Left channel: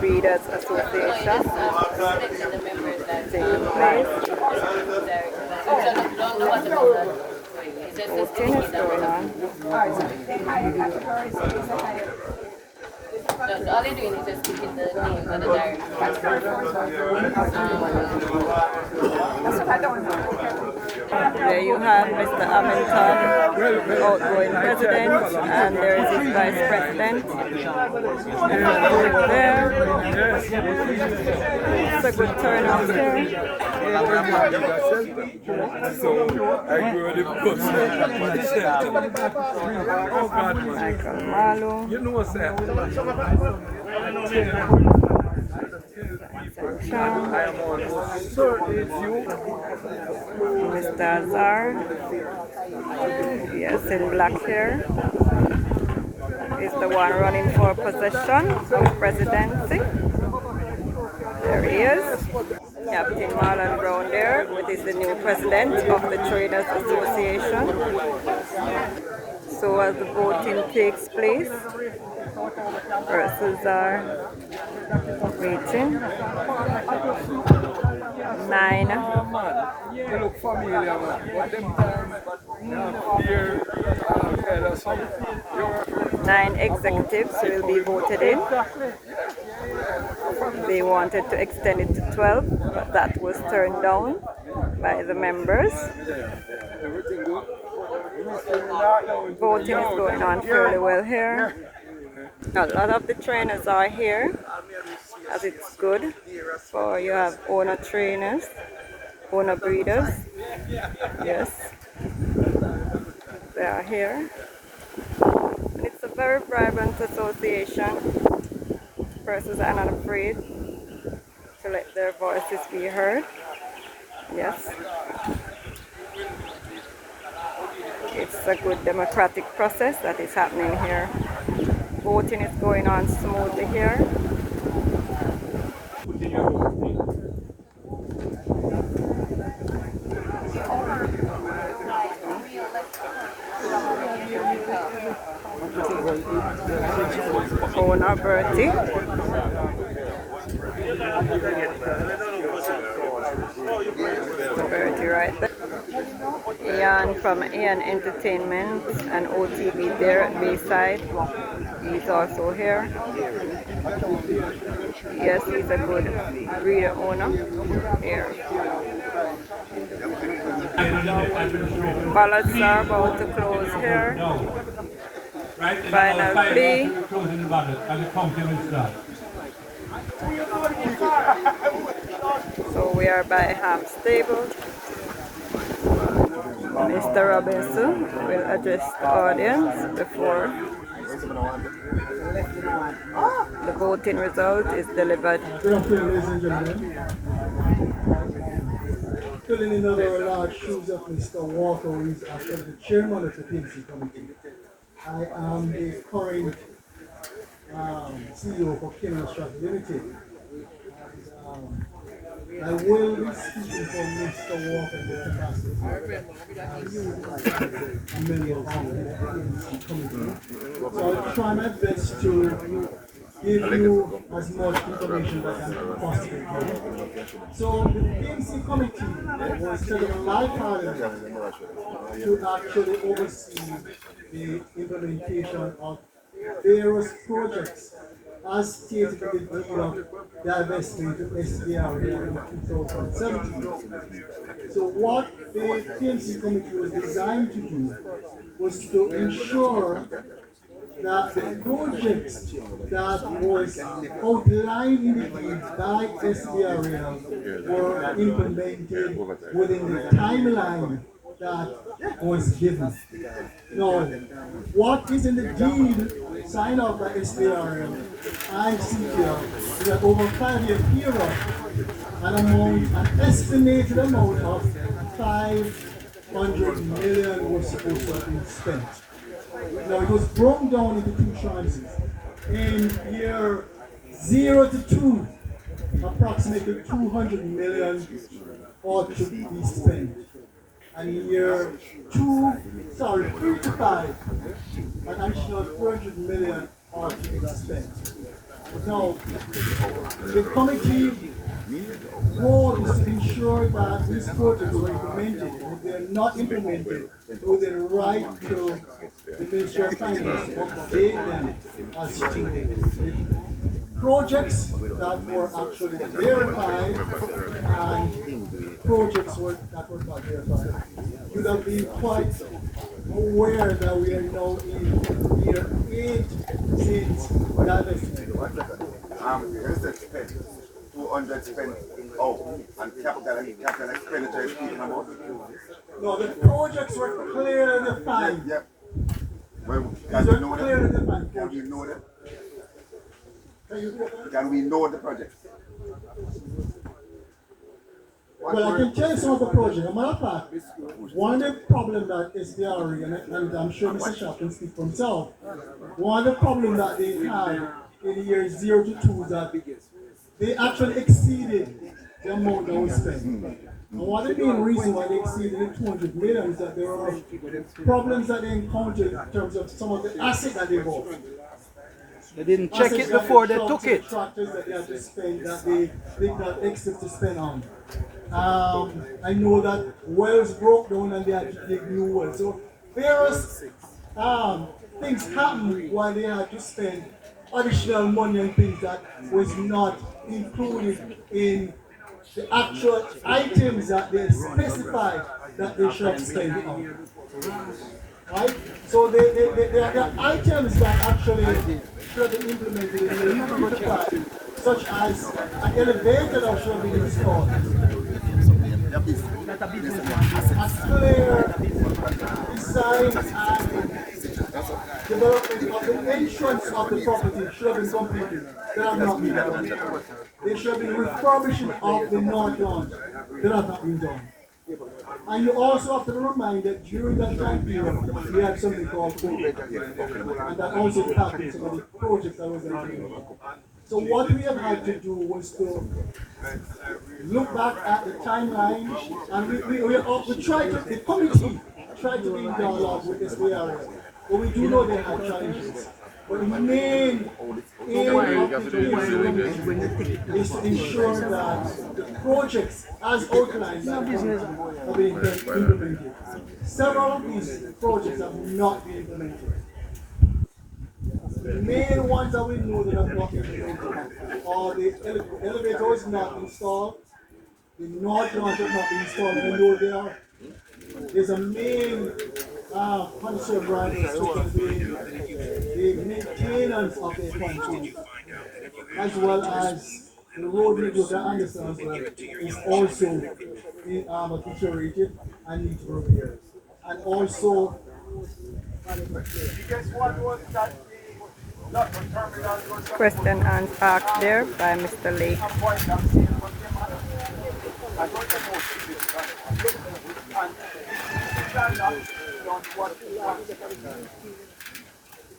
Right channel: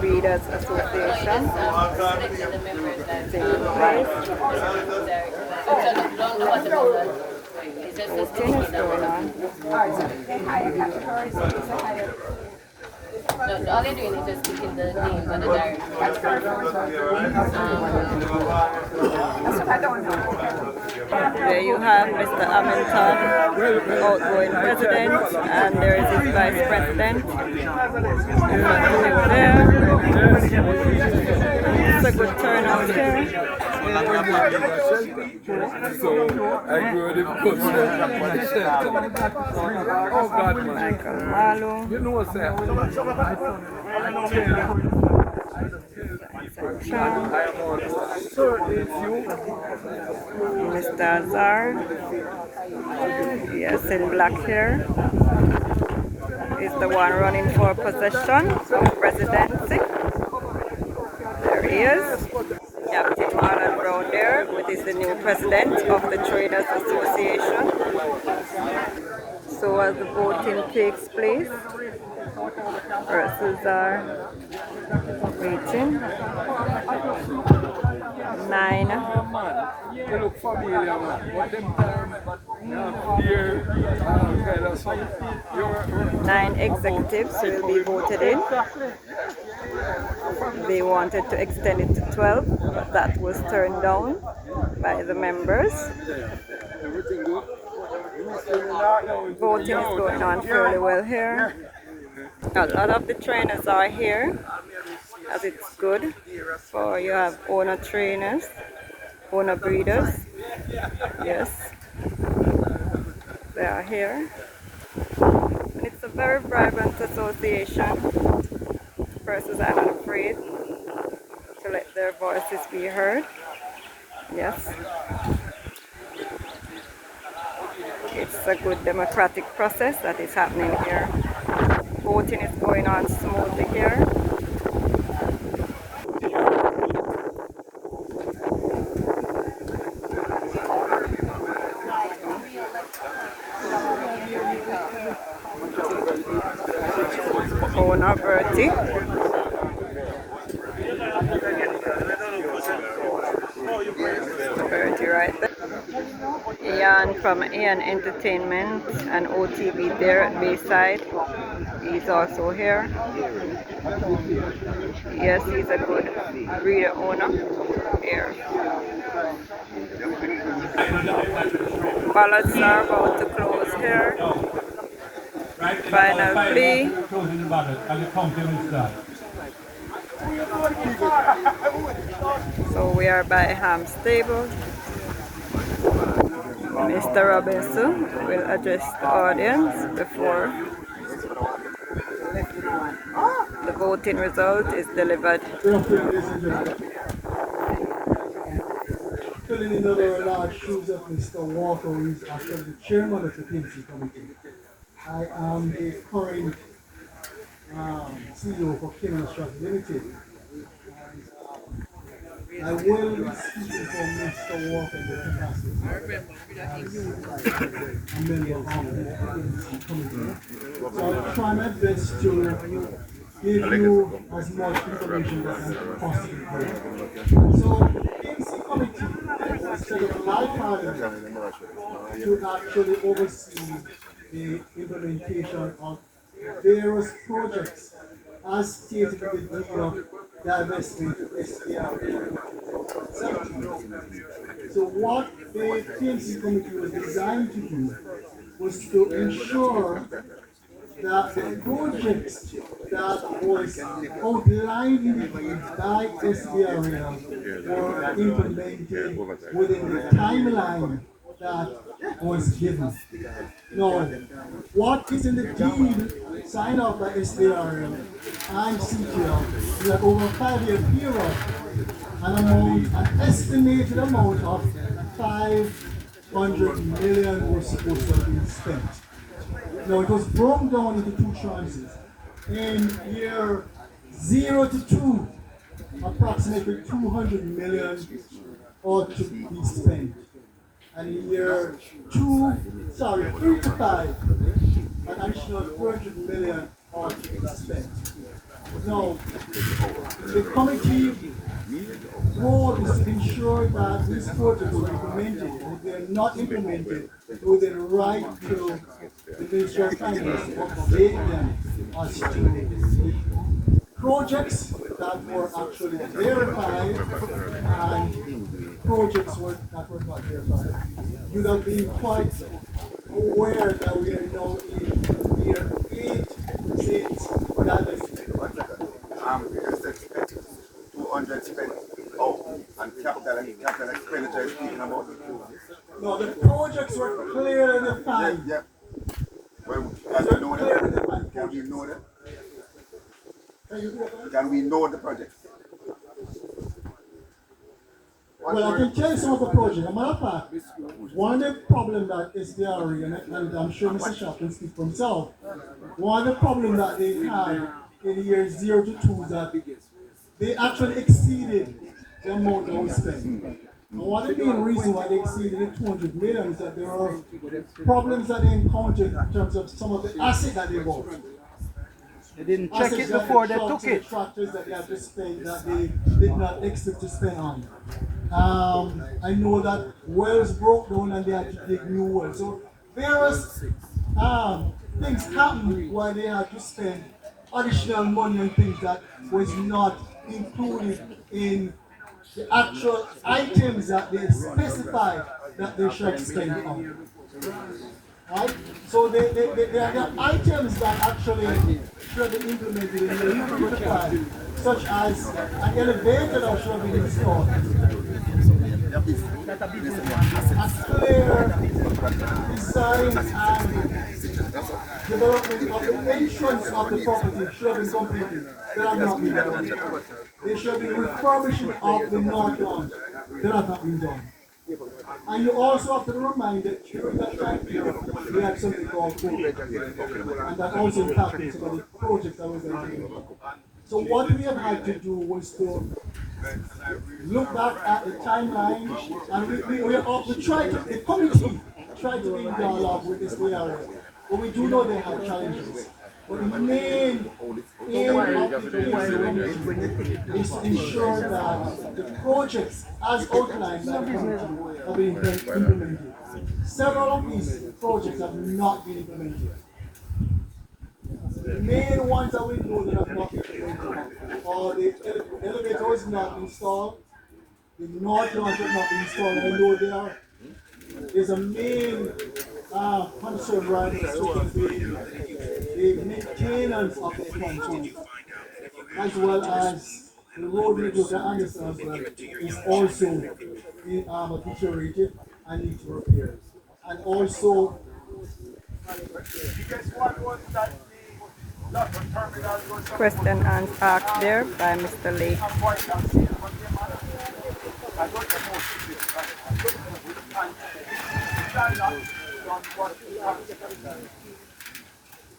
Breeders Association taking place. Voting is going on. No, all they're doing is just picking the names of the directors. There you have Mr. Hamilton, the outgoing president, and there is his vice president. There. It's a good turnout here. Michael Malo. Mr. Azar, yes, in black hair, is the one running for possession of presidency. There he is. Captain Marlon Brown there, which is the new president of the Traders Association. So as the voting takes place, persons are waiting. 9 executives will be voted in. They wanted to extend it to 12, but that was turned down by the members. Voting is going on fairly well here. A lot of the trainers are here, as it's good for you have owner trainers, owner breeders. Yes, they are here. And it's a very vibrant association. Persons are not afraid to let their voices be heard. Yes. It's a good democratic process that is happening here. Voting is going on smoothly here. Owner Bertie. Bertie right there. Ian from Ian Entertainment and OTV there at Bayside. He's also here. Yes, he's a good breeder owner here. Ballots are about to close here. Final plea. So we are by Ham Stable. Mr. Robinson will address the audience before the voting result is delivered. Filling in the large shoes of Mr. Walker, who is actually the chairman of the PNC committee. I am the current CEO for Kenyan Trust Limited. I will be speaking for Mr. Walker in the capacity a member of the PNC committee. So I try my best to give you as much information as I possibly can. So the PNC committee was set up a life to actually oversee the implementation of various projects as stated in the deal of divestment to SDR in 2017. So what the PNC committee was designed to do was to ensure that the projects that was outlined in the deed by SDR were implemented within the timeline that was given. Now, what is in the deed signed off by SDR and CTL is that over a 5-year period, an estimated amount of 500 million was supposed to have been spent. Now, it was broken down into 2 tranches. In year 0 to 2, approximately 200 million ought to be spent. And in year 3 to 5, an additional 400 million ought to be spent. Now, the committee role is to ensure that these projects are implemented. If they're not implemented, with the right to the Ministry of Finance to update them as to the projects that were actually verified and projects that were not verified. You have been quite aware that we are now in year 8 since that 200 spent. Oh, and capital expenditure is speaking about. no, the projects were clearly defined. Yep. Well, can we know that? Can we know that? Can we know the project? Well, I can tell you some of the projects. As a matter of fact, one of the problems that SDRE, and I'm sure Mr. Shaw can speak for himself, one of the problems that they had in the years 0 to 2 is that they actually exceeded the amount that was spent. And one of the main reasons why they exceeded the 200 million is that there are problems that they encountered in terms of some of the assets that they bought. They didn't check it before they took it. Tractors that they had to spend that they did not expect to spend on. I know that wells broke down and they had to dig new wells. So various things happened while they had to spend additional money on things that was not included in the actual items that they specified that they should spend on. Right? So there are items that actually should be implemented in the utility plan, such as an elevator that should be installed. A clear design and development of the entrance of the property should have been completed. They have not been done. There should be refurbishment of the north lawn. That has not been done. And you also have to remind that during that time period, we had something called COVID. And that also impacted some of the projects that was implemented. So what we have had to do was to look back at the timeline, and we tried to, the committee tried to be in dialogue with this area. But we do know they have challenges. But the main aim of the committee is to ensure that the projects as outlined have been implemented. Several of these projects have not been implemented. The main ones that we know that have not been implemented are the elevator is not installed, the north launch has not been installed, even though there's a main concern right now, the maintenance of the pontoon, as well as the road network that understands that is also deteriorated and needs repairs. And also, Question asked there by Mr. Lake.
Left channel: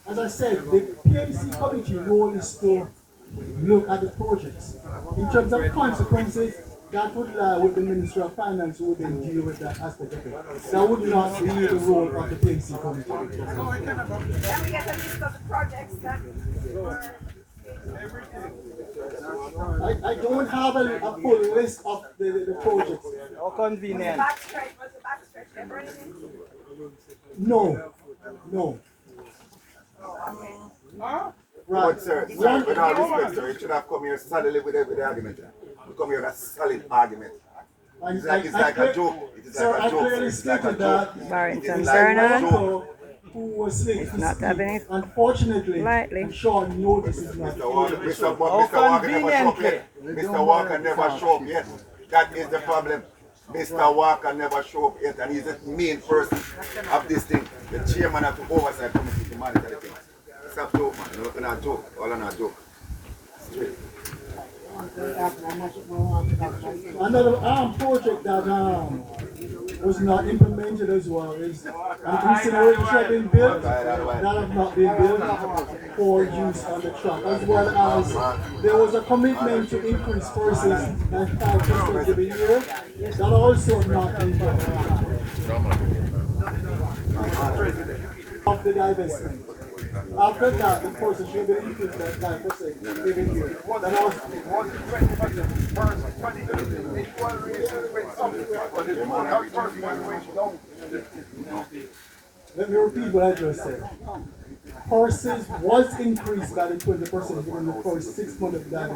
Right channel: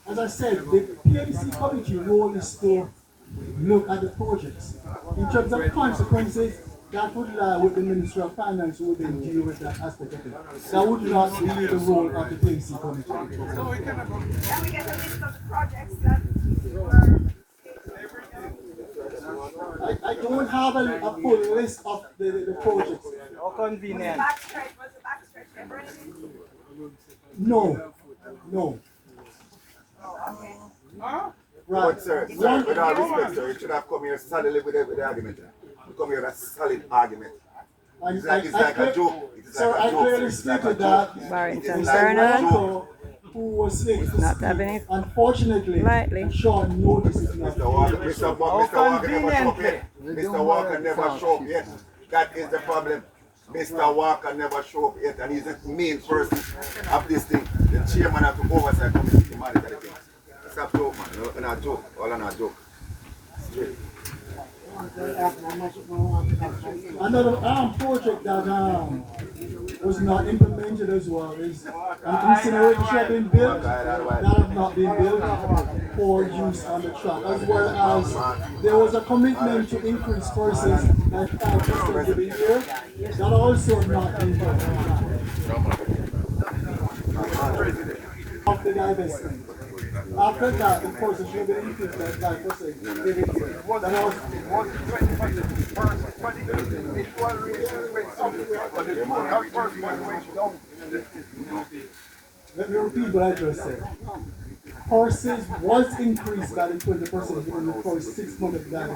as I said, the PMC committee role is to look at the projects. In terms of consequences, that would lie with the Ministry of Finance who would then deal with that aspect of it. That would not be the role of the PMC committee. Can we get a list of the projects that were... I don't have a full list of the projects. How convenient. Was the backstretch ever in? No. But sir, with all respect, sir, you should have come here solidly with the argument. You come here with a solid argument. It's like a joke. It's like a joke, sir. It's like a joke. Barrington It's like a Bernard, joke. Who was slated to not speak. having it Unfortunately, lightly. Sean noticed it not. Mr. Walker never show up yet. Mr. Walker never show up yet. That is the problem. Mr. Walker never show up yet, and he's the main person of this thing. The chairman of the oversight committee to monitor the thing. It's a joke, man. It's not a joke. All on a joke. Straight. Another project that was not implemented as well is an incineration have been built that have not been built for use on the track, as well as there was a commitment to increase prices by 5% every year. That also not been done. Of the divestment. After that, the person should be increased by 5% every year. It wasn't 20%. First, 20%. They want to raise it with something, but the total first one went down. Let me repeat what I just said. Horses was increased by the 20% in the first 6 months of that.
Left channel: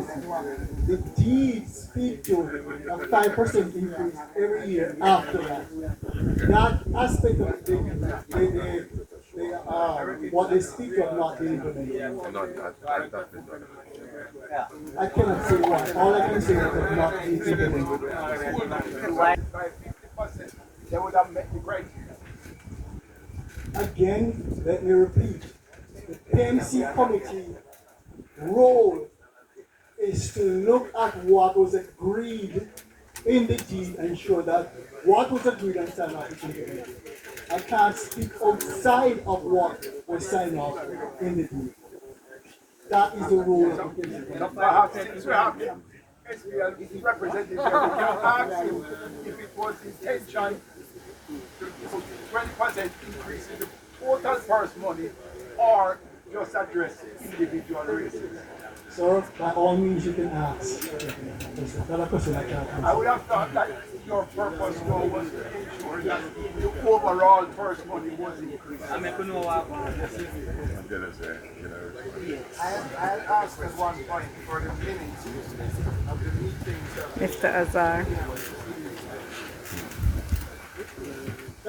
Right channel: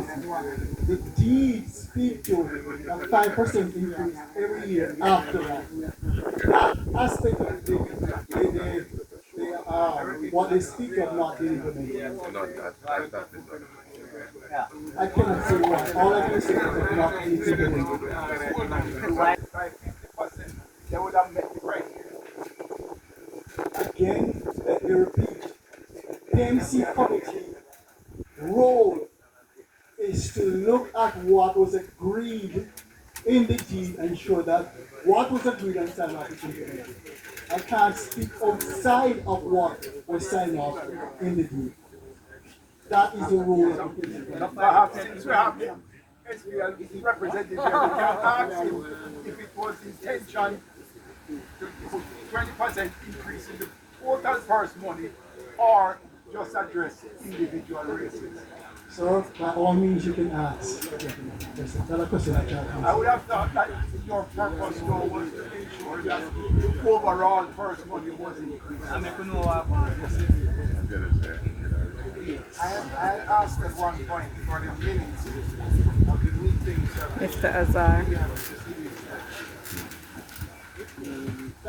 The deeds speak to a 5% increase every year after that. That aspect of what they speak of not being implemented. I cannot say what. All I can say is that not being implemented. By 50%, they would have met the price. Again, let me repeat. The PMC committee role is to look at what was agreed in the deed and ensure that what was agreed and signed off is implemented. I can't speak outside of what was signed off in the deed. That is the role of the committee. Representative, you can ask him if it was intention to put 20% increase in the total purse money or just address individual races. Sir, by all means you can ask. That's a question I can't I answer. would have thought that your purpose though was to ensure that the overall purse money was increased. I had asked at one point for the minutes of the meetings. Mr. Azar.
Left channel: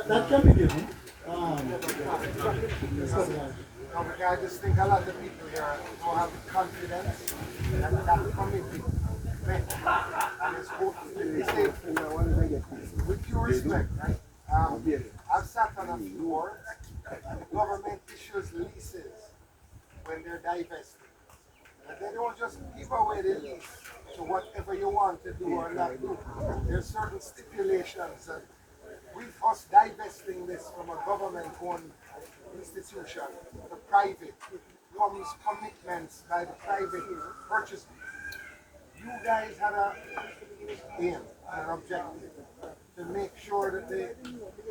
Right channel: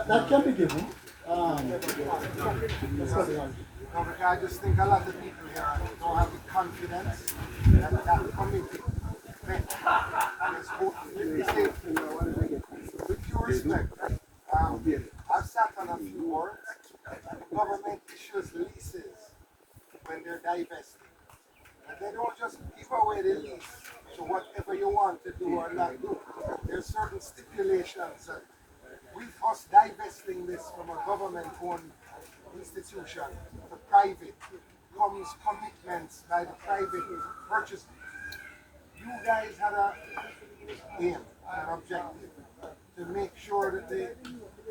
That can be given. I just think a lot of people here don't have the confidence that that committee met and is with due respect. I've sat on a few boards and the government issues leases when they're divesting. And they don't just give away the lease to whatever you want to do or not do. There's certain stipulations that with us divesting this from a government-owned institution, the private, comes commitments by the private purchasers. You guys had a aim, an objective, to make sure that the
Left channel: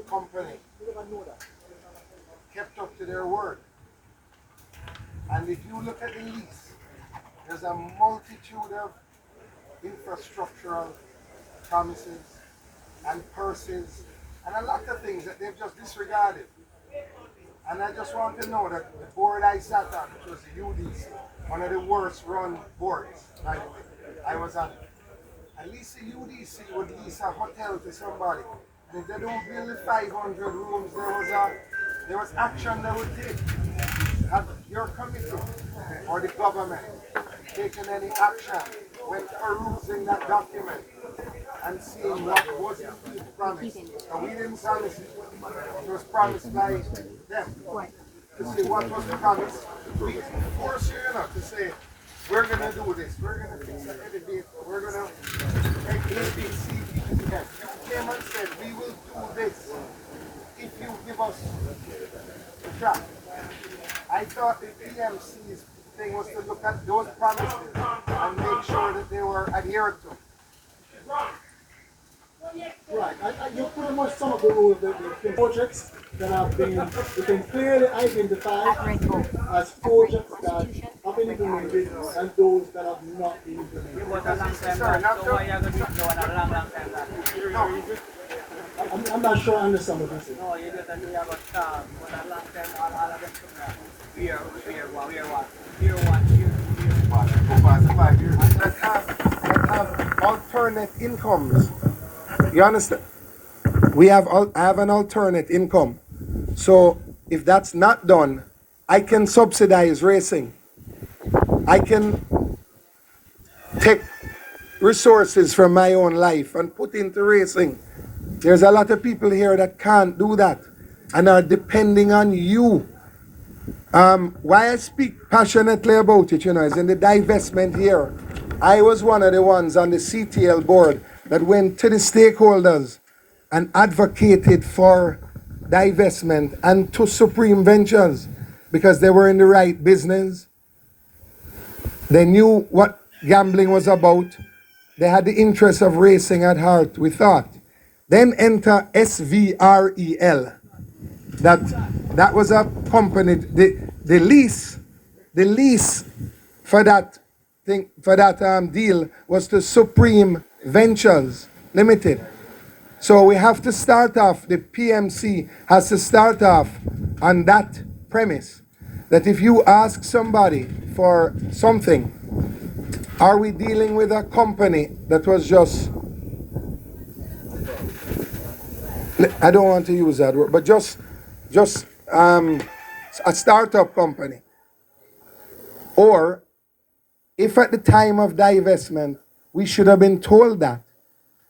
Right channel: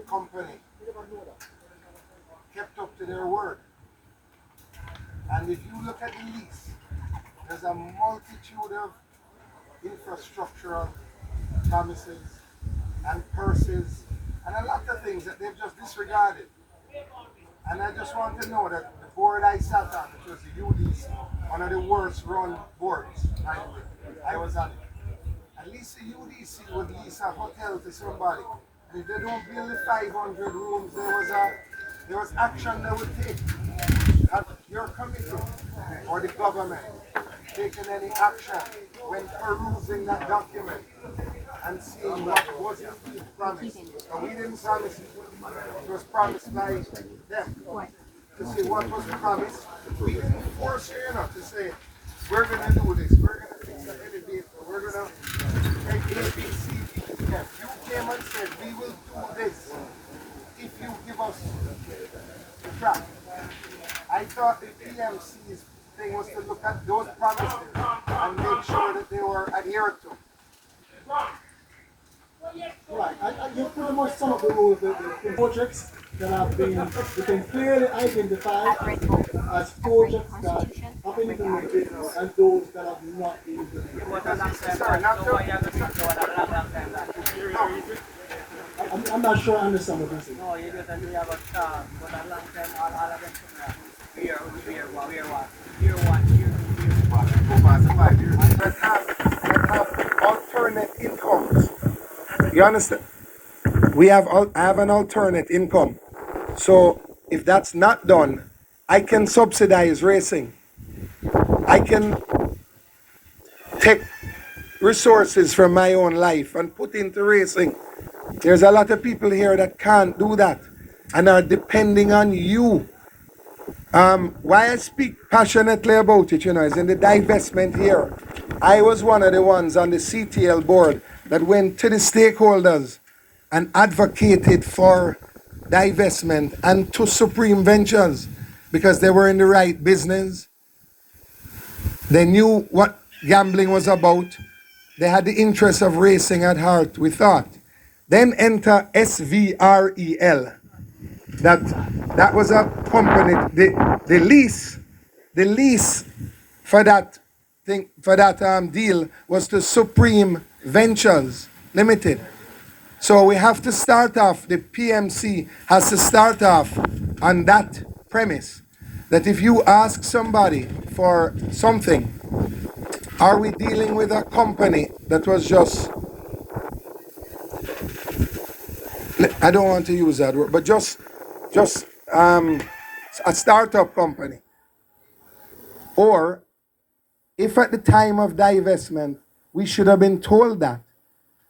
company kept up to their word. And if you look at the lease, there's a multitude of infrastructural promises and purses and a lot of things that they've just disregarded. And I just want to know that the board I sat on, which was the UDC, one of the worst run boards, by the way, I was on. At least the UDC would lease a hotel to somebody. And if they don't build the 500 rooms, there was action they would take. Have your committee or the government taken any action when perusing that document and seeing what was indeed promised? And we didn't promise it. It was promised by them. To say what was the promise. We didn't force you enough to say, we're going to do this, we're going to fix the elevator, we're going to make A, B, C, D, E, F. You came and said, we will do this if you give us the job. I thought the PMC's thing was to look at those promises and make sure that they were adhered to. Right, you pretty much sum up the role of the projects that have been clearly identified as projects that have been implemented and those that have not been implemented. I'm not sure I understand what you're saying. No, you just have a child, but a long time all of them year one, year That have alternate incomes. You understand? I have an alternate income. So if that's not done, I can subsidize racing. I can take resources from my own life and put into racing. There's a lot of people here that can't do that and are depending on you. Why I speak passionately about it, is in the divestment here. I was one of the ones on the CTL board that went to the stakeholders and advocated for divestment and to Supreme Ventures because they were in the right business. They knew what gambling was about. They had the interest of racing at heart, we thought. Then enter SVREL. that that was a company, the lease for that thing, for that deal was to Supreme Ventures Limited. So we have to start off, the PMC has to start off on that premise, that if you ask somebody for something, are we dealing with a company that was just, I don't want to use that word, but just a startup company? Or if at the time of divestment, we should have been told that,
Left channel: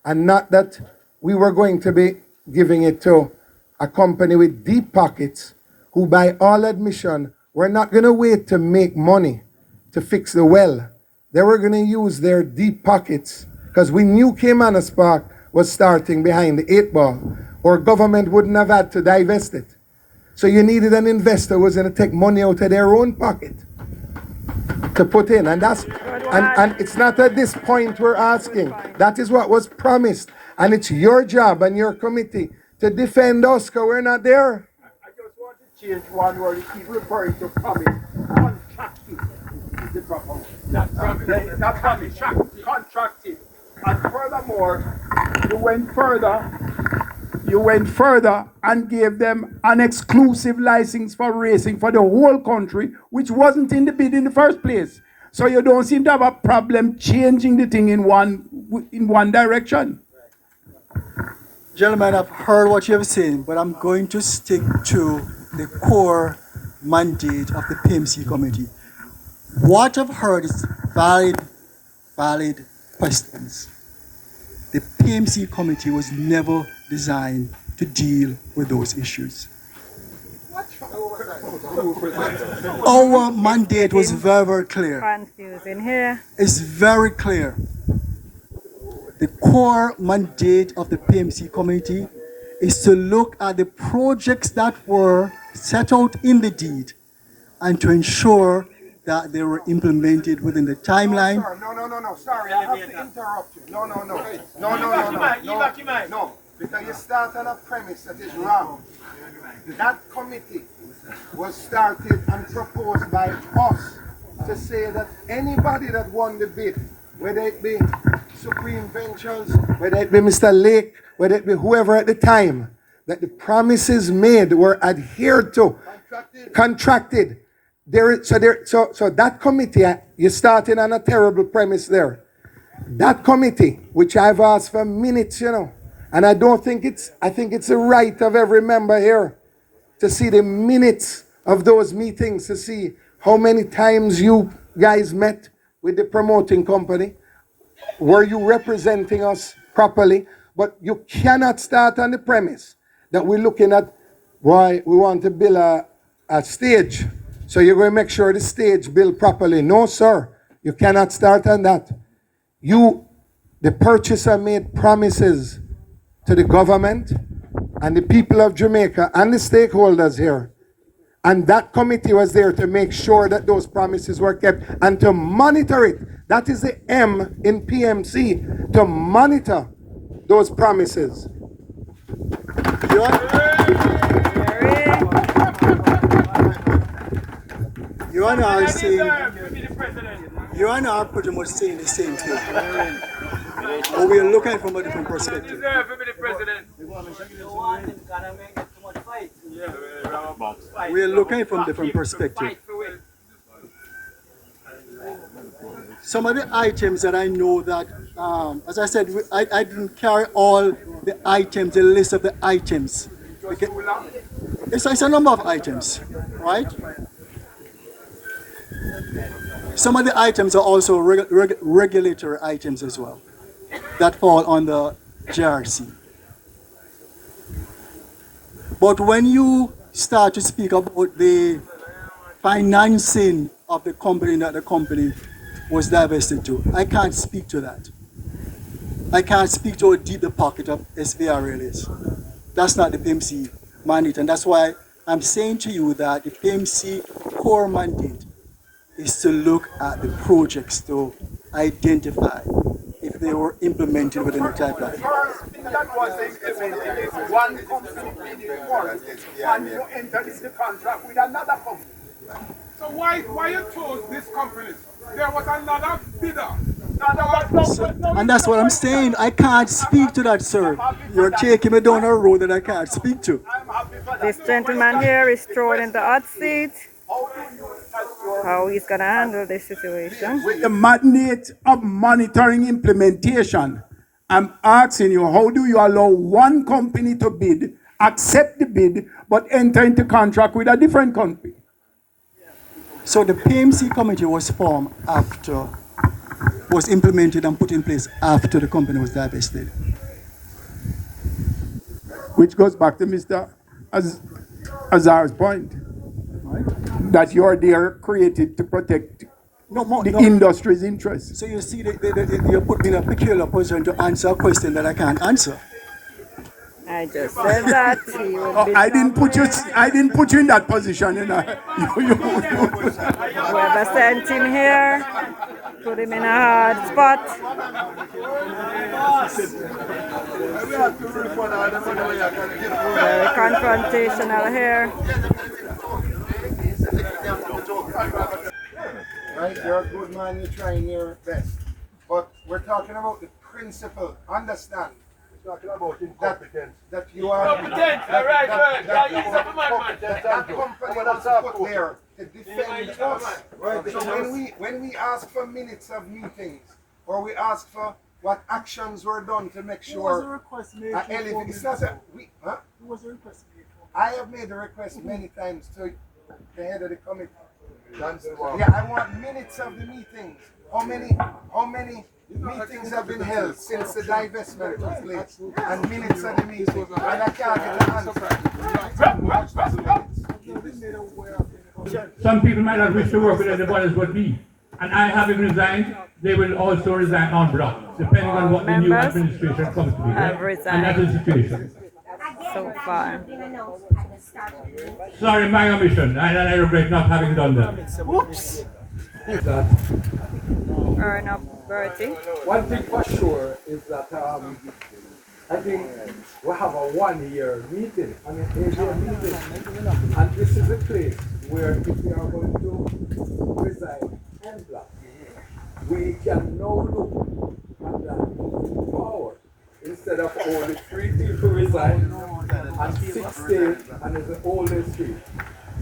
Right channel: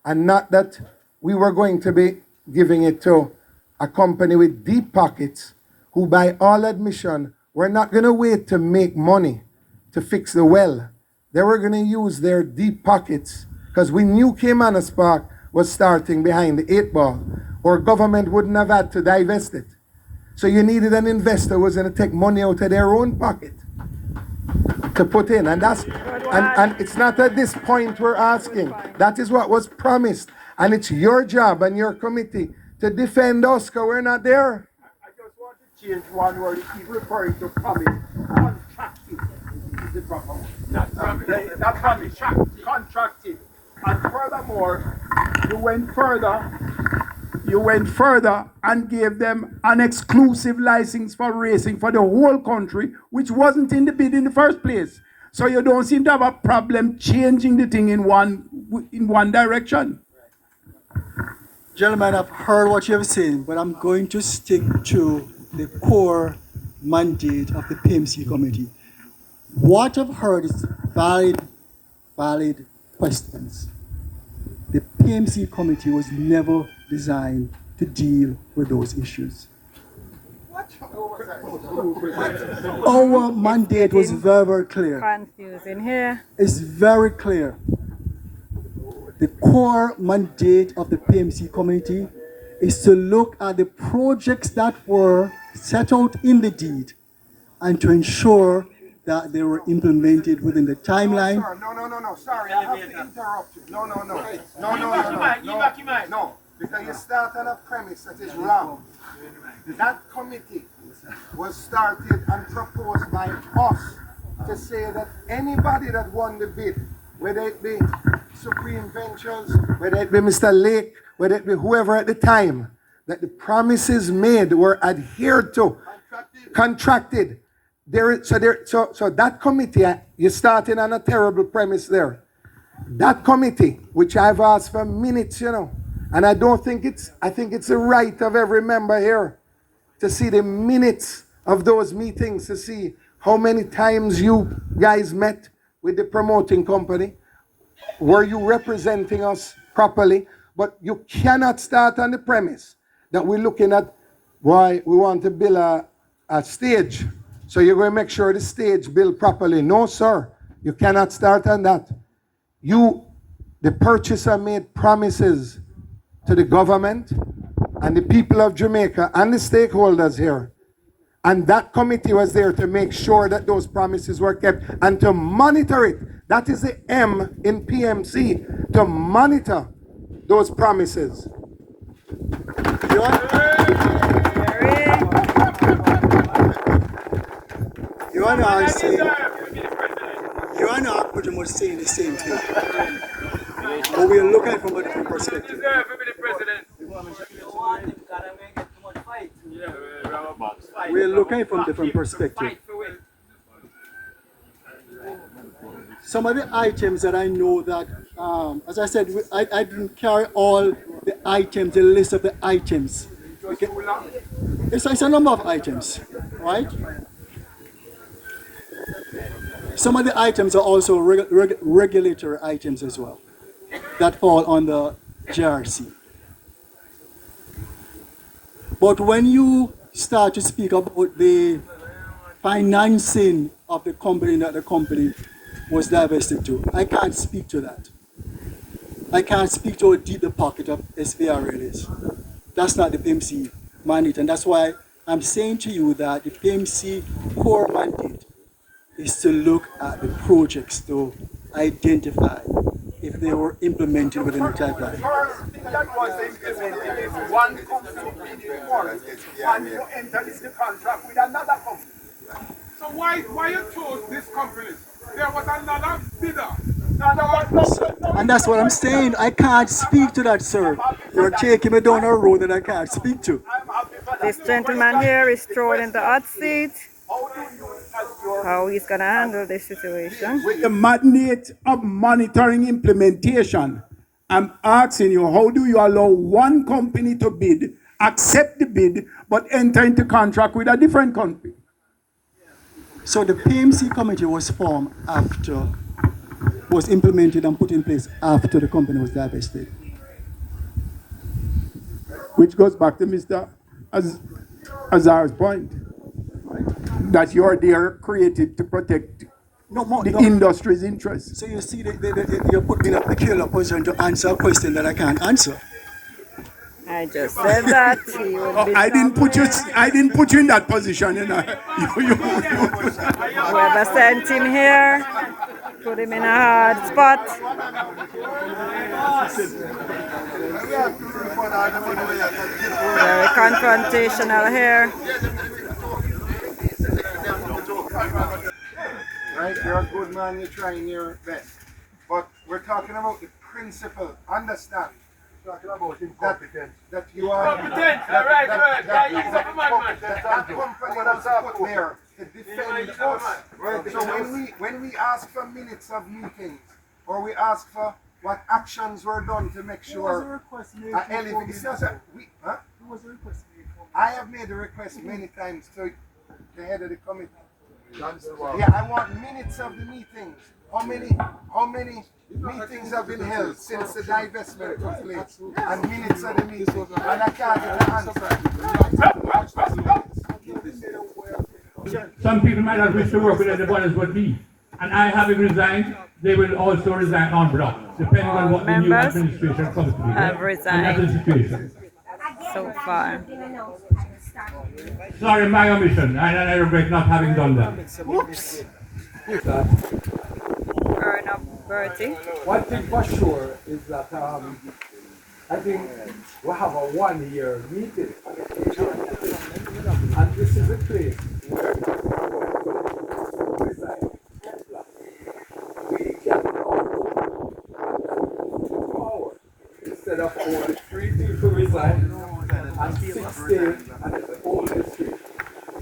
and not that we were going to be giving it to a company with deep pockets who, by all admission, were not going to wait to make money to fix the well. They were going to use their deep pockets, because we knew Caymanas Park was starting behind the 8 ball, or government wouldn't have had to divest it. So you needed an investor who was going to take money out of their own pocket to put in. And that's and it's not at this point we're asking. That is what was promised. And it's your job and your committee to defend us, because we're not there. I just want to change one word. You keep referring to coming. Contracted is the proper word. Not coming. Contracted. And furthermore, you went further and gave them an exclusive license for racing for the whole country, which wasn't in the bid in the first place. So you don't seem to have a problem changing the thing in one direction. Gentlemen, I've heard what you have said, but I'm going to stick to the core mandate of the PMC committee. What I've heard is valid questions. The PMC committee was never designed to deal with those issues. Our mandate was very, very clear. Confusing here. It's very clear. The core mandate of the PMC committee is to look at the projects that were set out in the deed and to ensure that they were implemented within the timeline. No, sorry, I have to interrupt you. No, because you start on a premise that is wrong. That committee was started and proposed by us to say that anybody that won the bid, whether it be Supreme Ventures, whether it be Mr. Lake, whether it be whoever at the time, that the promises made were adhered to, contracted. So that committee, you're starting on a terrible premise there. That committee, which I've asked for minutes, and I think it's the right of every member here to see the minutes of those meetings, to see how many times you guys met with the promoting company. Were you representing us properly? But you cannot start on the premise that we're looking at why we want to build a stage. So you're going to make sure the stage built properly. No, sir. You cannot start on that. The purchaser, made promises to the government and the people of Jamaica and the stakeholders here. And that committee was there to make sure that those promises were kept and to monitor it. That is the M in PMC, to monitor those promises. You and I are saying, you and I are pretty much saying the same thing. But we are looking from a different perspective. We are looking from a different perspective. Some of the items that I know that, as I said, I didn't carry all the items, the list of the items. It's a number of items, right? Some of the items are also regulatory items as well that fall on the JRC. But when you start to speak about the financing of the company that the company was divested to, I can't speak to that. I can't speak to how deep the pocket of SVRL is. That's not the PMC mandate, and that's why I'm saying to you that the PMC core mandate is to look at the projects to identify if they were implemented within the timeline. First thing that was implemented is one company bidding for it, and you enter into contract with another company. So why you chose this company? There was another bidder. And that's what I'm saying. I can't speak to that, sir. You're taking me down a road that I can't speak to. This gentleman here is thrown in the hot seat. How he's gonna handle this situation? With the mandate of monitoring implementation, I'm asking you, how do you allow one company to bid, accept the bid, but enter into contract with a different company? So the PMC committee was formed after, was implemented and put in place after the company was divested. Which goes back to Mr. Azar's point, that you're there created to protect the industry's interests. So you see, you put me in a peculiar position to answer a question that I can't answer. I just said that he would be. I didn't put you in that position, you know. Whoever sent him here, put him in a hard spot. Very confrontational here. Right, you're a good man, you're trying your best. But we're talking about the principle, understand. Talking about incompetence. That you are competent, that company was put there to defend us. So when we ask for minutes of meetings, or we ask for what actions were done to make sure I have made a request many times to the head of the committee. Yeah, I want minutes of the meetings. How many meetings have been held since the divestment took place? And minutes of the meetings. And I can't get an answer. Some people might not wish to work with everybody as would be. And I having resigned, they will also resign en bloc, depending on what the new administration comes to be. Have resigned. And that's the situation. So far. Sorry, my omission, and I regret not having done that. Whoops. Earn up, Bertie. One thing for sure is that I think we have a 1 year meeting, and this is a place where we are going to reside en bloc. We can now look at that forward instead of only 3 people resign and 6 stay, and it's all the 3.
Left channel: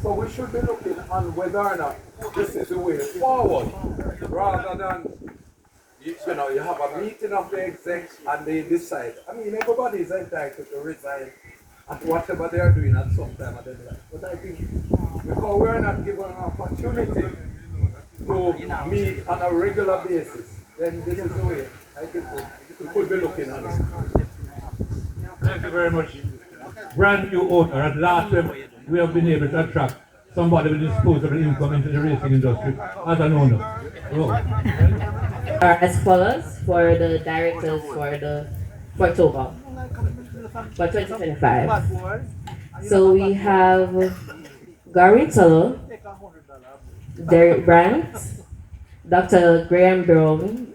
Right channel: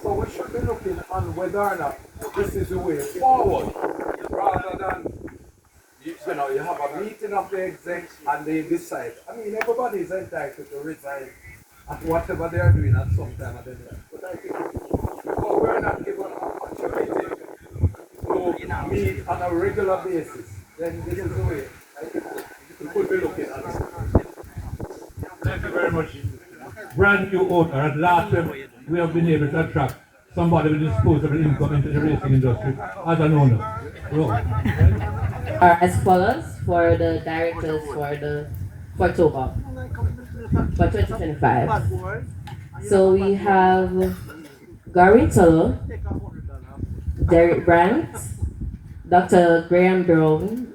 So we should be looking on whether or not this is the way forward, rather than you have a meeting of the execs and they decide. I mean, everybody is entitled to resign at whatever they are doing at some time at the time. But I think because we're not given an opportunity to meet on a regular basis, then this is the way I think we could be looking at it. Thank you very much. Brand new owner. At last time, we have been able to attract somebody with disposable income into the racing industry as an owner. As follows for the directors for October for 2025. So we have Gary Tullo, Derek Brandt, Dr. Graham Brown,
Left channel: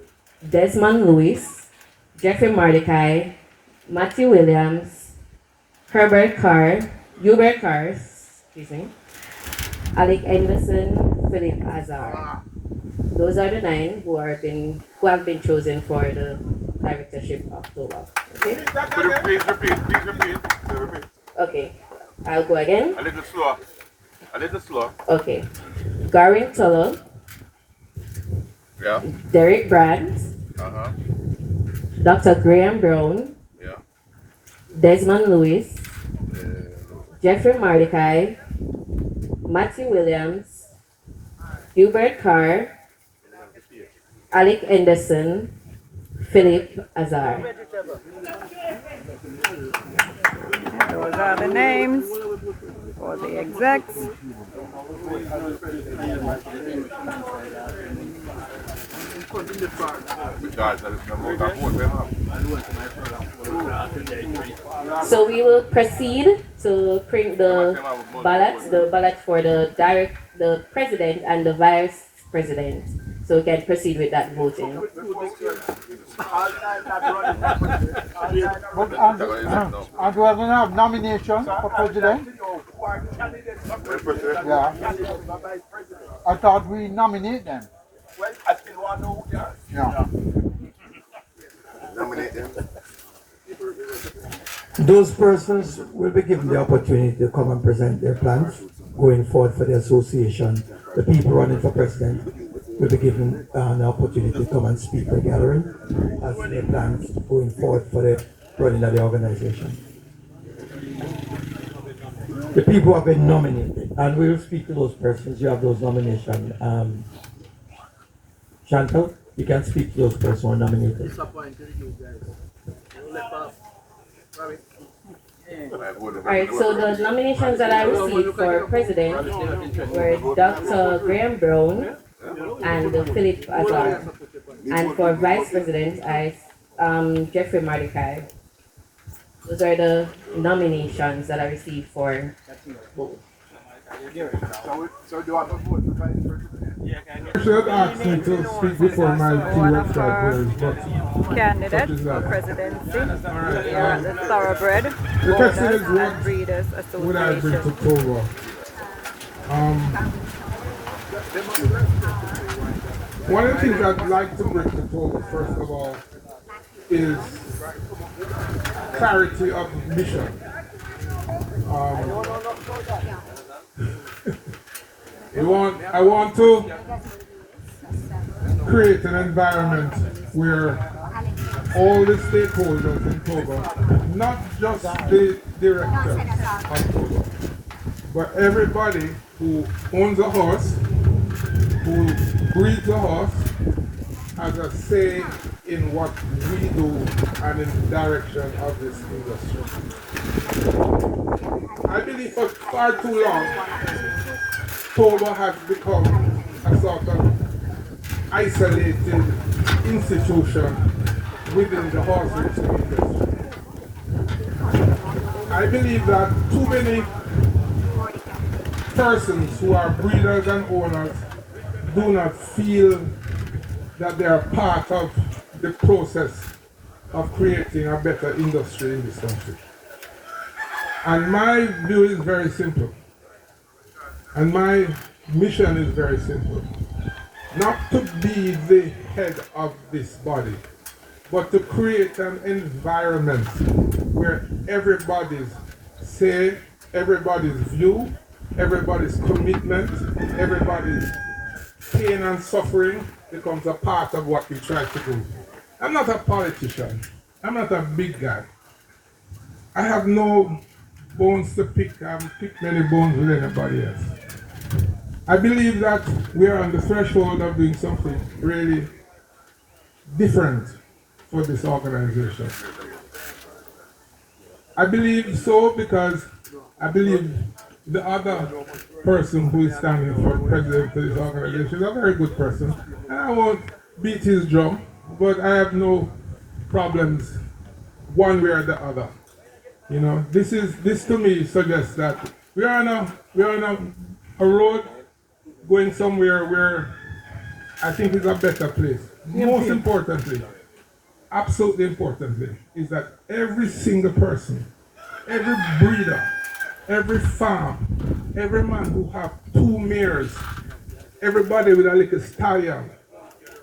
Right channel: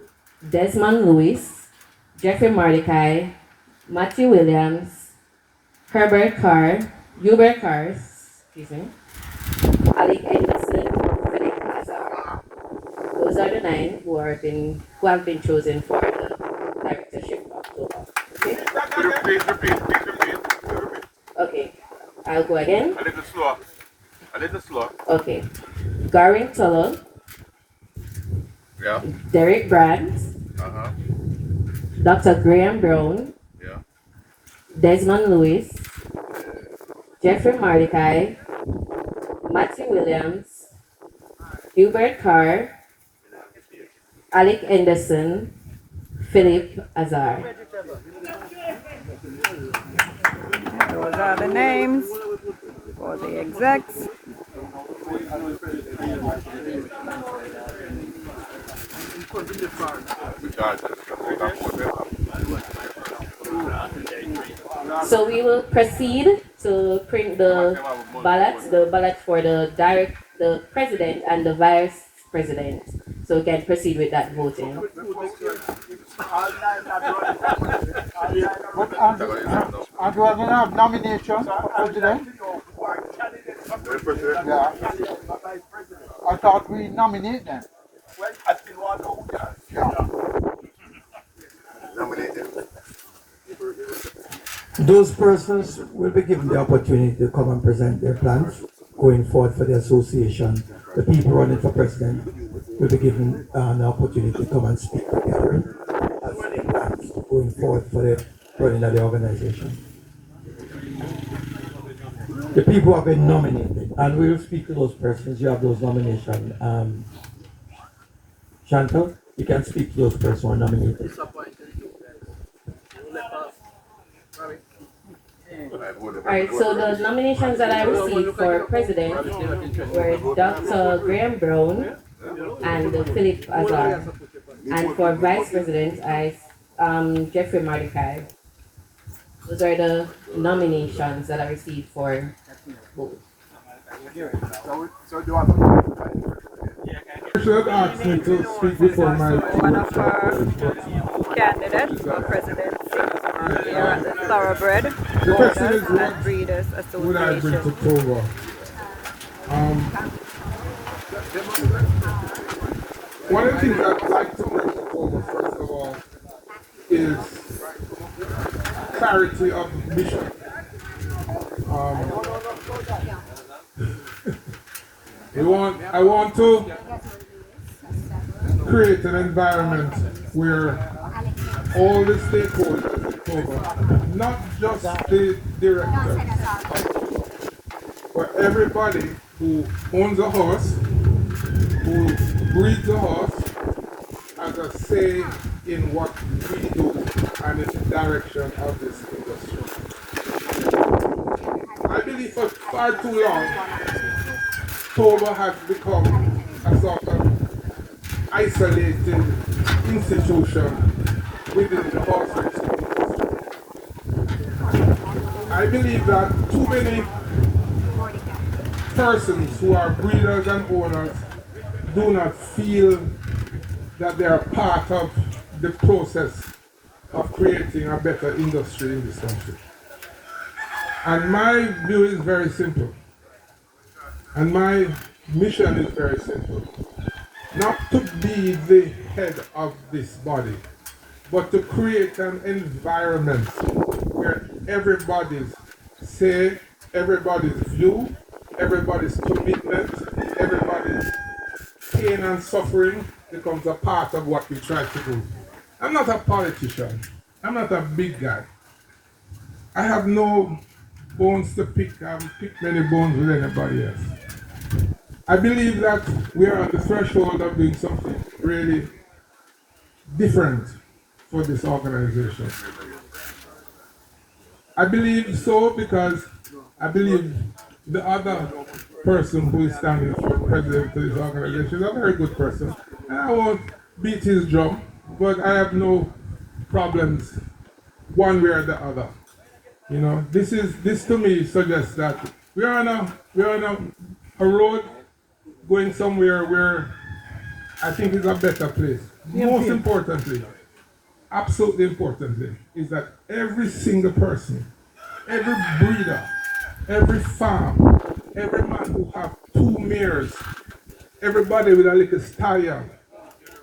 Desmond Lewis, Jeffrey Mordecai, Matthew Williams, Hubert Carr, Alec Edmondson, Philip Hazard. Those are the 9 who have been chosen for the directorship of October. Okay? Please repeat. Okay. I'll go again. A little slow. Okay. Gary Tullo. Yeah. Derek Brandt. Dr. Graham Brown. Yeah. Desmond Lewis. Jeffrey Mordecai. Matthew Williams. Hubert Carr. Alec Anderson, Philip Azar. Those are the names for the execs. So we will proceed to print the ballot for the president and the vice president. So we can proceed with that voting. But and we are going to have nomination for president. Yeah. I thought we nominate them. Well, I still want to know who they are. Yeah. Nominate them. Those persons will be given the opportunity to come and present their plans going forward for the association. The people running for president will be given an opportunity to come and speak at the gathering as their plans going forward for the running of the organization. The people have been nominated, and we will speak to those persons. You have those nominations. Chantal, you can speak to those persons who are nominated. Alright, so the nominations that I received for president were Dr. Graham Brown and Philip Azar. And for vice president, Jeffrey Mordecai. Those are the nominations that I received for vote. So do I vote? Should ask me to speak before my One of our candidates for presidency here at the Thoroughbred Owners and Breeders would I bring Association. to Togo? One of the things I'd like to bring to Togo, first of all, is clarity of mission. I want to create an environment where all the stakeholders in Togo, not just the directors of Togo, but everybody who owns a horse, who breeds a horse, has a say in what we do and in the direction of this industry. I believe for far too long, Togo has become a sort of isolated institution within the horse racing industry. I believe that too many persons who are breeders and owners do not feel that they are part of the process of creating a better industry in this country. And my view is very simple. And my mission is very simple. Not to be the head of this body, but to create an environment where everybody's say, everybody's view, everybody's commitment, everybody's pain and suffering becomes a part of what we try to do. I'm not a politician. I'm not a big guy. I have no bones to pick. I pick many bones with anybody else. I believe that we are on the threshold of doing something really different for this organization. I believe so because I believe the other person who is standing for president of this organization is a very good person. And I won't beat his drum, but I have no problems one way or the other. You know, this to me suggests that we're on a road going somewhere where I think is a better place. Most importantly, absolutely importantly, is that every single person, every breeder, every farm, every man who have 2 mares, everybody with a little stallion,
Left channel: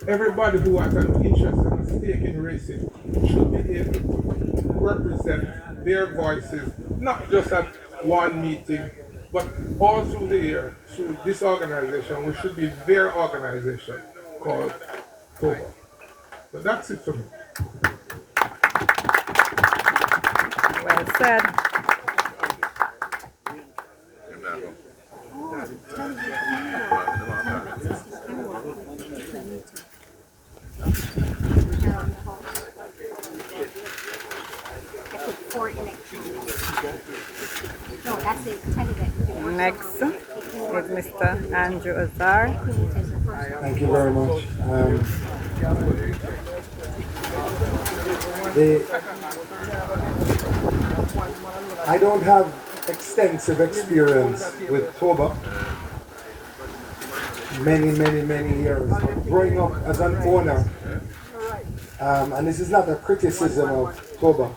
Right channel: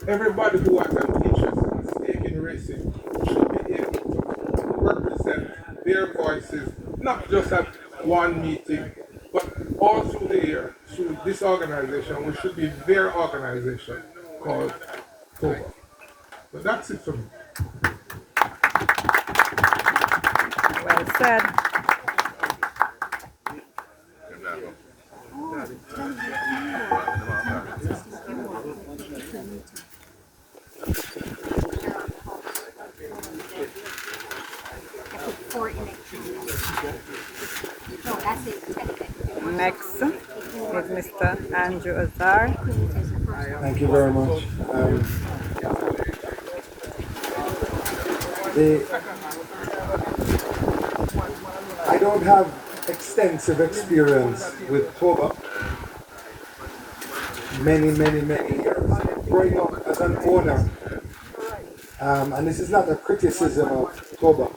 everybody who has an interest and a stake in racing should be able to represent their voices, not just at one meeting, but all through the year, through this organization, which should be their organization called THOROUGHBRED. So that's it for me. Well said. Next is Mr. Andrew Azar. Thank you very much. I don't have extensive experience with TOBA, many, many, many years. Growing up as an owner, and this is not a criticism of Toba,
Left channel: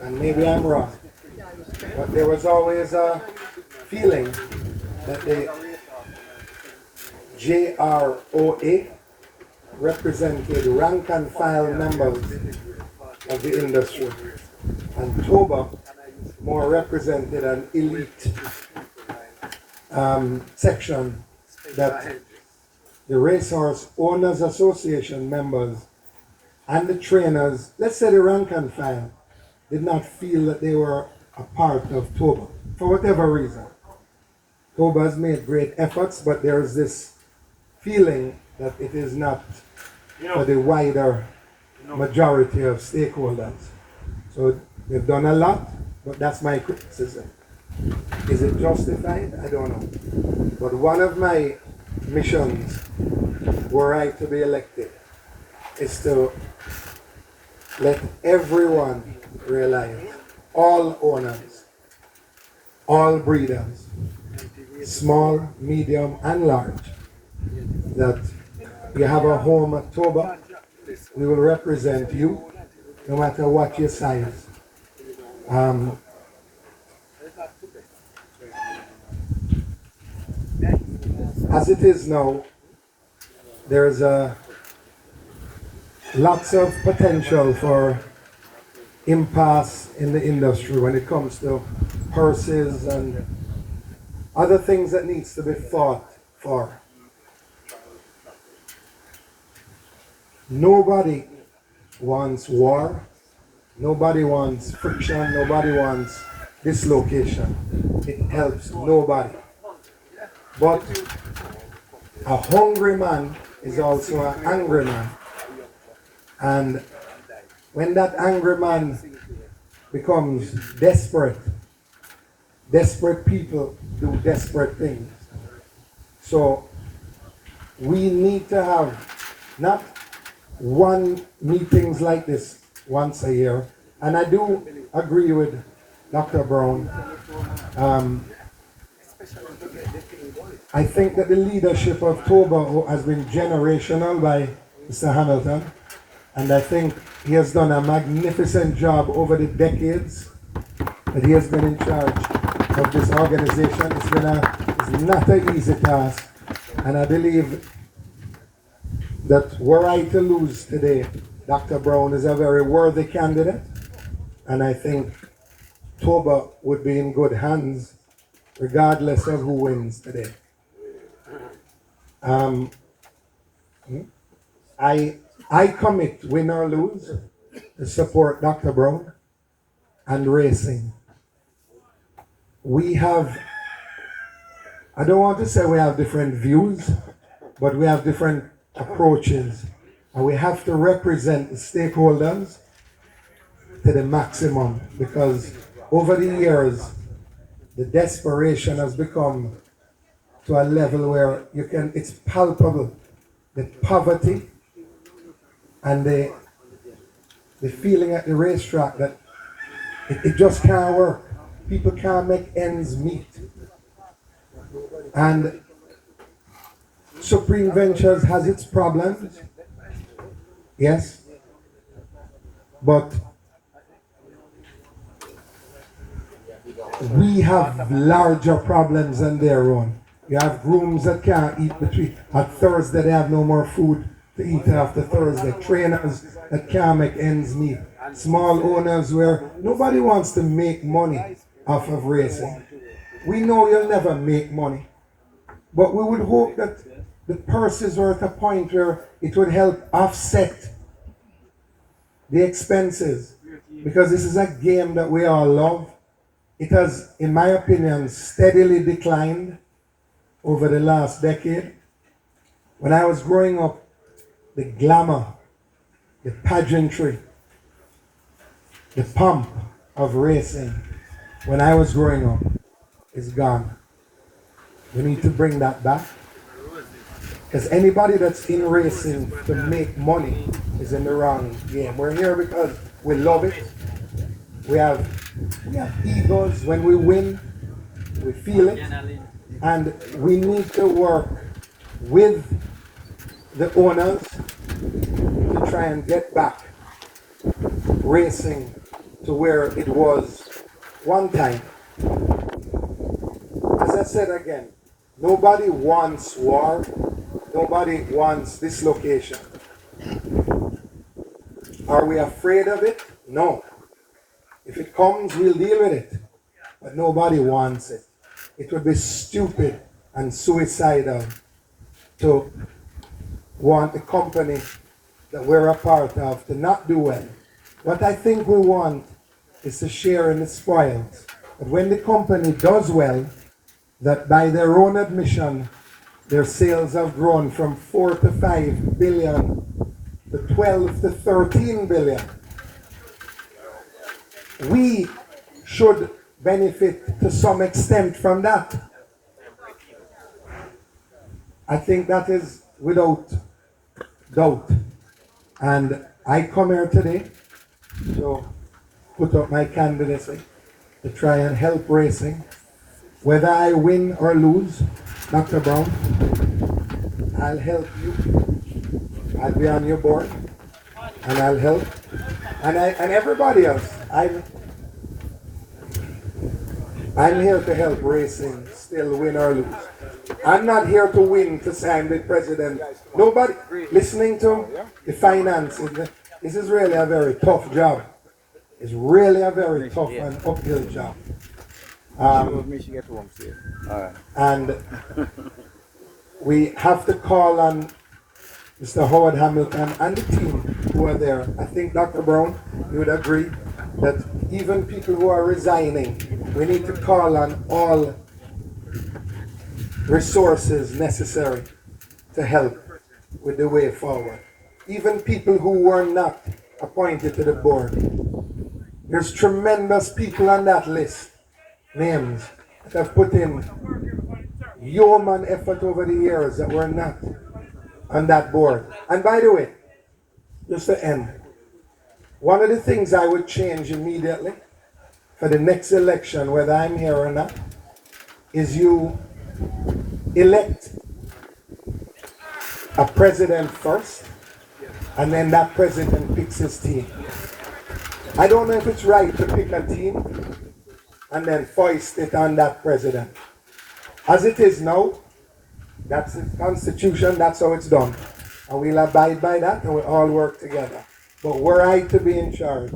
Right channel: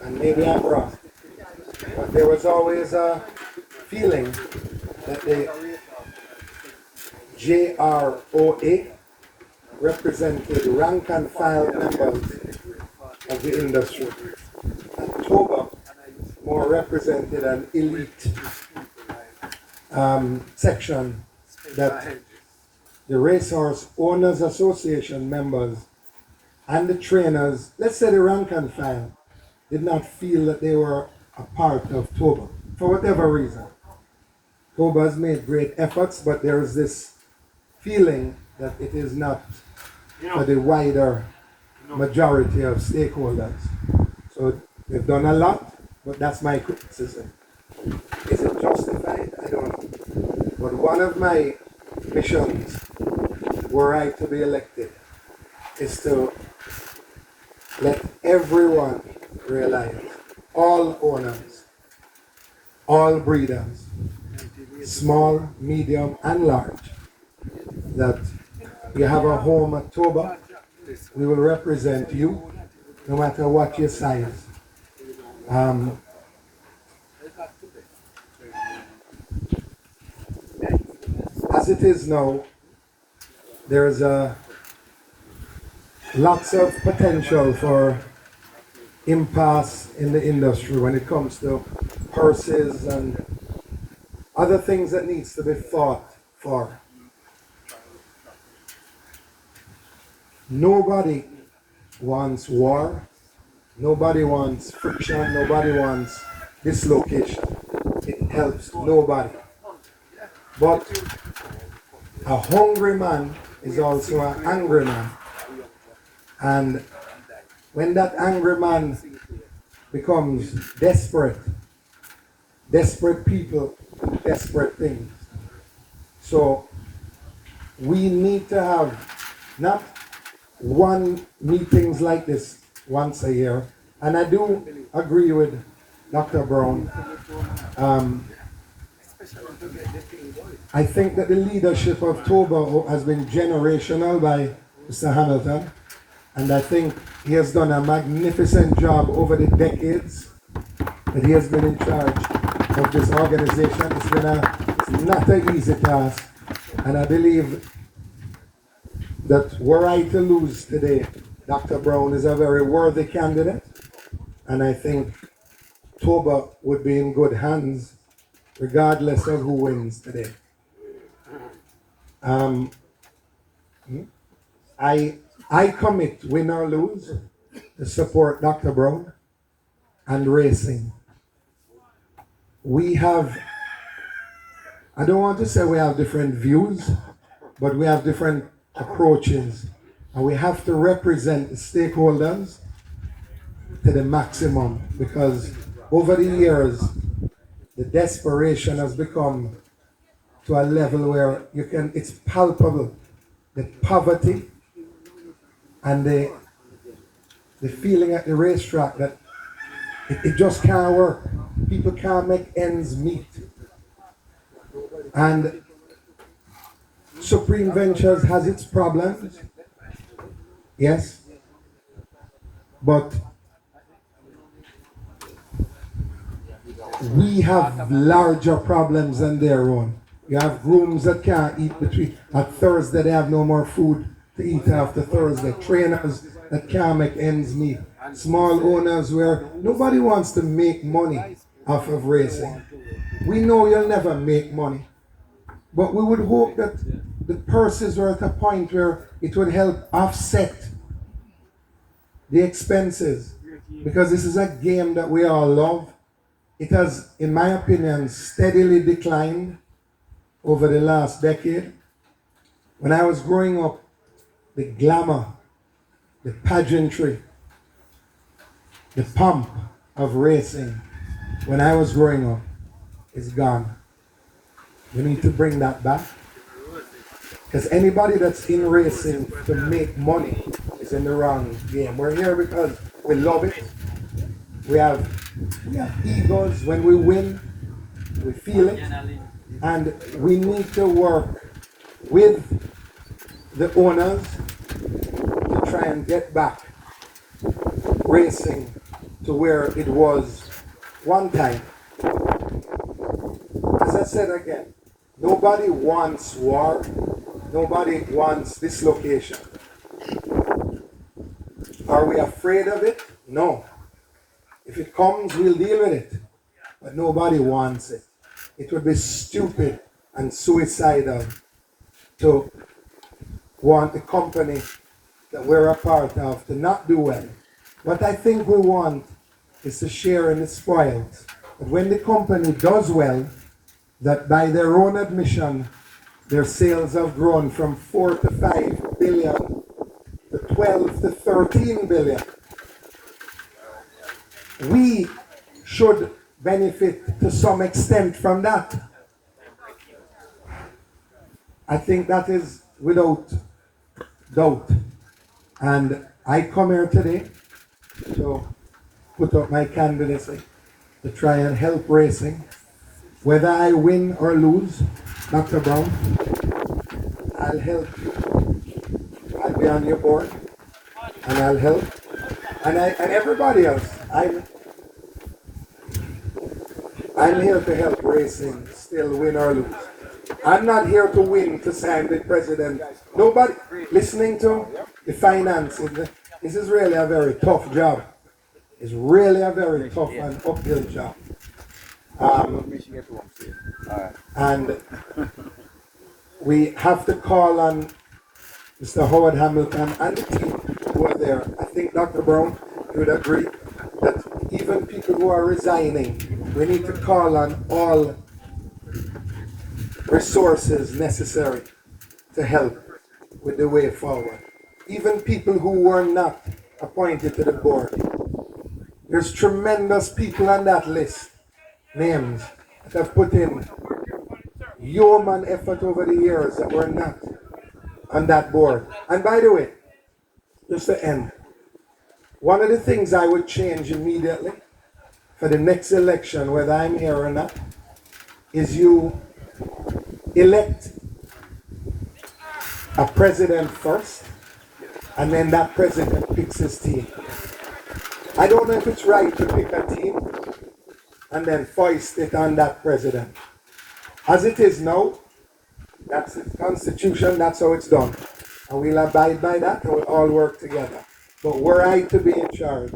and maybe I'm wrong, but there was always a feeling that the JROA represented rank and file members of the industry, and Toba more represented an elite section that the Racehorse Owners Association members and the trainers, let's say the rank and file, did not feel that they were a part of Toba for whatever reason. Toba has made great efforts, but there is this feeling that it is not for the wider majority of stakeholders. So they've done a lot, but that's my criticism. Is it justified? I don't know. But one of my missions, were I to be elected, is to let everyone realize, all owners, all breeders, small, medium, and large, that you have a home at Toba, we will represent you, no matter what your size. As it is now, there is lots of potential for impasse in the industry when it comes to purses and other things that needs to be fought for. Nobody wants war, nobody wants friction, nobody wants dislocation. It helps nobody. But a hungry man is also an angry man. And when that angry man becomes desperate, desperate people do desperate things. So we need to have not one meetings like this once a year. And I do agree with Dr. Brown. I think that the leadership of Toba has been generational by Mr. Hamilton, and I think he has done a magnificent job over the decades that he has been in charge of this organization. It's not an easy task, and I believe that were I to lose today, Dr. Brown is a very worthy candidate, and I think Toba would be in good hands regardless of who wins today. I commit, win or lose, to support Dr. Brown and racing. We have, I don't want to say we have different views, but we have different approaches, and we have to represent the stakeholders to the maximum, because over the years the desperation has become to a level where it's palpable, the poverty and the feeling at the racetrack that it just can't work. People can't make ends meet. And Supreme Ventures has its problems, yes, but we have larger problems than their own. You have grooms that can't eat between, at Thursday they have no more food to eat after Thursday. Trainers that can't make ends meet. Small owners where nobody wants to make money off of racing. We know you'll never make money, but we would hope that the purses were at a point where it would help offset the expenses, because this is a game that we all love. It has, in my opinion, steadily declined over the last decade. When I was growing up, the glamour, the pageantry, the pomp of racing, when I was growing up, is gone. We need to bring that back. Because anybody that's in racing to make money is in the wrong game. We're here because we love it. We have egos. When we win, we feel it. And we need to work with the owners to try and get back racing to where it was one time. As I said again, nobody wants war, nobody wants dislocation. Are we afraid of it? No. If it comes, we'll deal with it. But nobody wants it. It would be stupid and suicidal to want the company that we're a part of to not do well. What I think we want is to share in the spoils. But when the company does well, that by their own admission, their sales have grown from 4 to 5 billion to 12 to 13 billion. We should benefit to some extent from that. I think that is without doubt. And I come here today to put up my candidacy to try and help racing. Whether I win or lose, Dr. Brown, I'll help you. I'll be on your board and I'll help. And everybody else, I'm here to help racing still win or lose. I'm not here to win to sign with president. Nobody listening to the finances. This is really a very tough job. It's really a very tough and uphill job. And we have to call on Mr. Howard Hamilton and the team who are there. I think, Dr. Brown, you would agree that even people who are resigning, we need to call on all resources necessary to help with the way forward. Even people who were not appointed to the board. There's tremendous people on that list, names, that have put in yeoman effort over the years that were not on that board. And by the way, just to end, one of the things I would change immediately for the next election, whether I'm here or not, is you elect a president first, and then that president picks his team. I don't know if it's right to pick a team and then foist it on that president. As it is now, that's the constitution, that's how it's done. And we'll abide by that and we'll all work together. But were I to be in charge,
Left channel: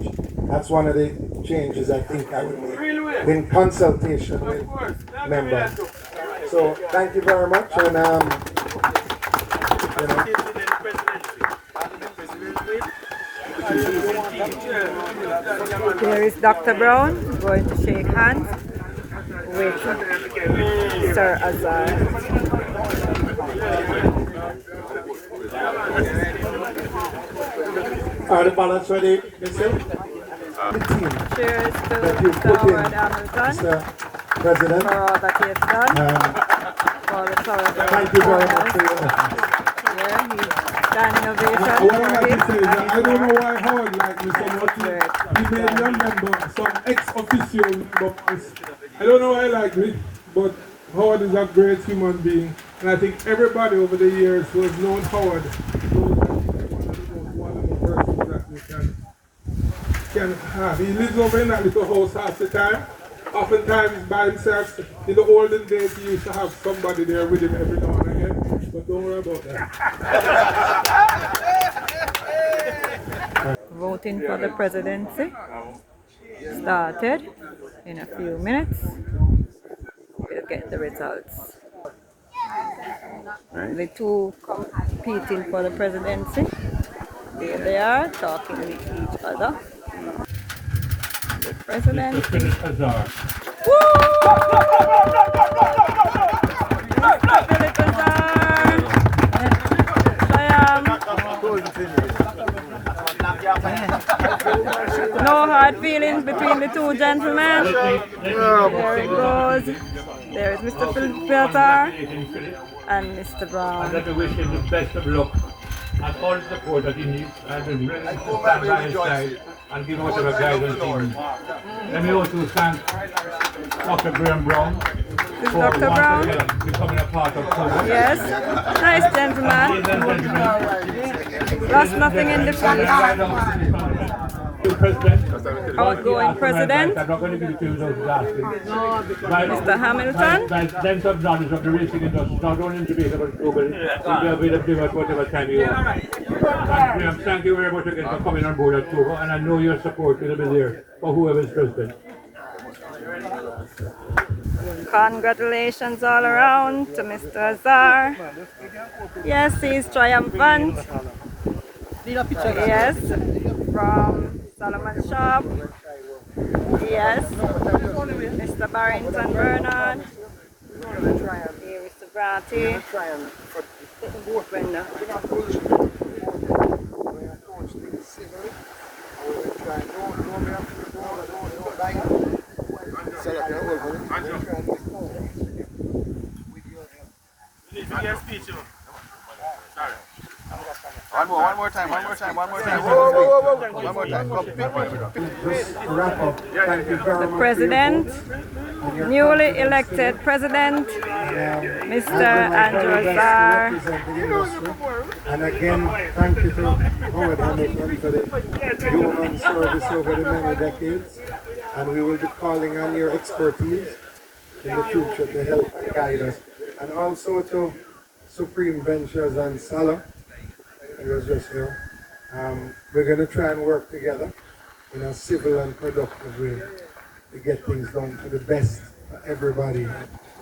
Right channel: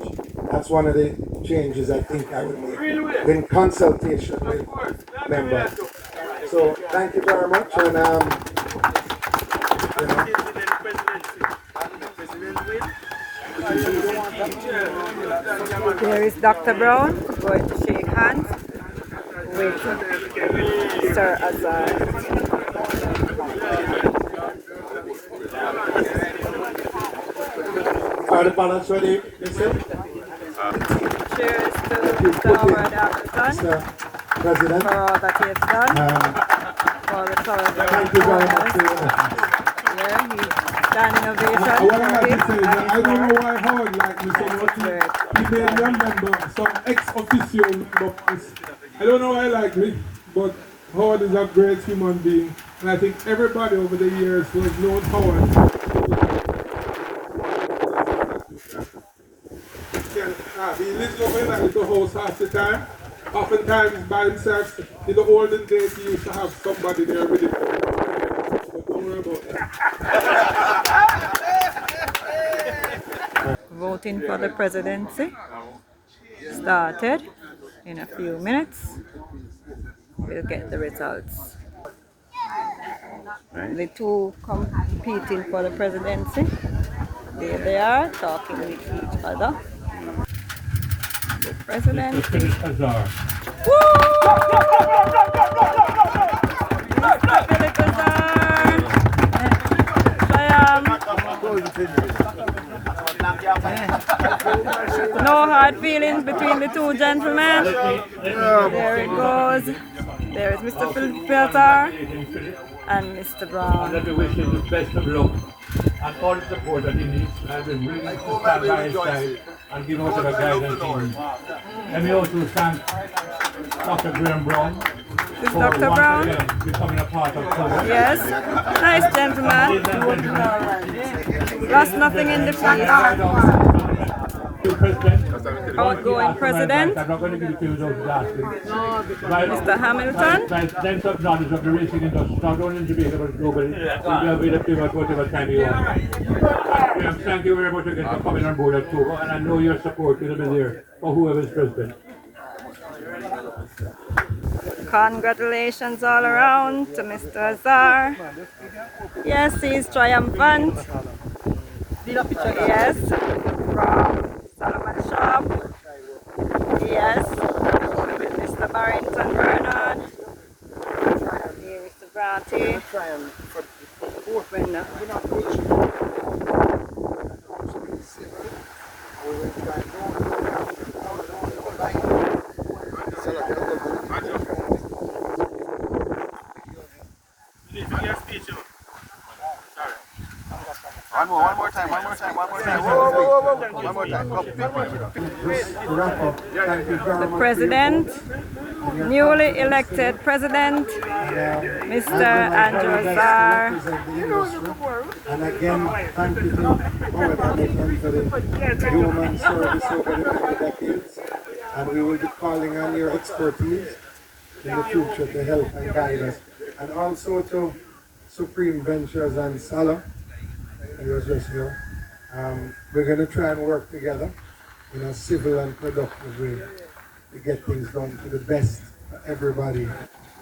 that's one of the changes I think I would make in consultation with members. So thank you very much. And There is Dr. Brown going to shake hands with Sir Azar. Cheers to Mr. Howard Hamilton for all that he has done for the Thoroughbred owners. Yeah, he's standing ovation for him and his I don't know work. why Howard like me so much. He made London some ex-officio doctors. I don't know why I like me, but Howard is a great human being. And I think everybody over the years who has known Howard can have. He lives over in that little house half the time. Oftentimes by himself. In the olden days he used to have somebody there with him. But don't worry about that. Voting for the presidency started in a few minutes. We'll get the results. The two competing for the presidency, there they are talking with each other. The presidency. Woo! Mr. Philip Azar! No hard feelings between the two gentlemen. There it goes. There is Mr. Philip Azar and Mr. Brown. Let me wish him the best of luck and all the support that he needs. I've been really by his side and give whatever guidance he needs. Let me also thank Dr. Graham Brown This for Dr. once Brown? again becoming a part of Thorough. Yes. Nice gentleman. Lost nothing in the field. Outgoing president. I'm not going to give it to you without asking. Mr. Hamilton. By sense of knowledge of the racing industry, not only in Jamaica but globally, you'll be available at whatever time you want. Thank you very much again for coming on board at Togo, and I know your support will be there for whoever is president. Congratulations all around to Mr. Azar. Yes, he's triumphant. Yes, from Solomon Shop. Yes, Mr. Barrington Bernard. Here is the Bratty. One more time. The president, newly elected president, Mr. Andrew Azar. And again, thank you to Howard Hamilton for the human service over the many decades. And we will be calling on your expertise in the future to help and guide us. And also to Supreme Ventures and Salah, who was just here. We're going to try and work together in a civil and productive way to get things done to the best for everybody.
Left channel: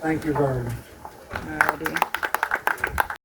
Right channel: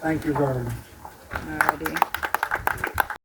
Thank you very much. Alrighty.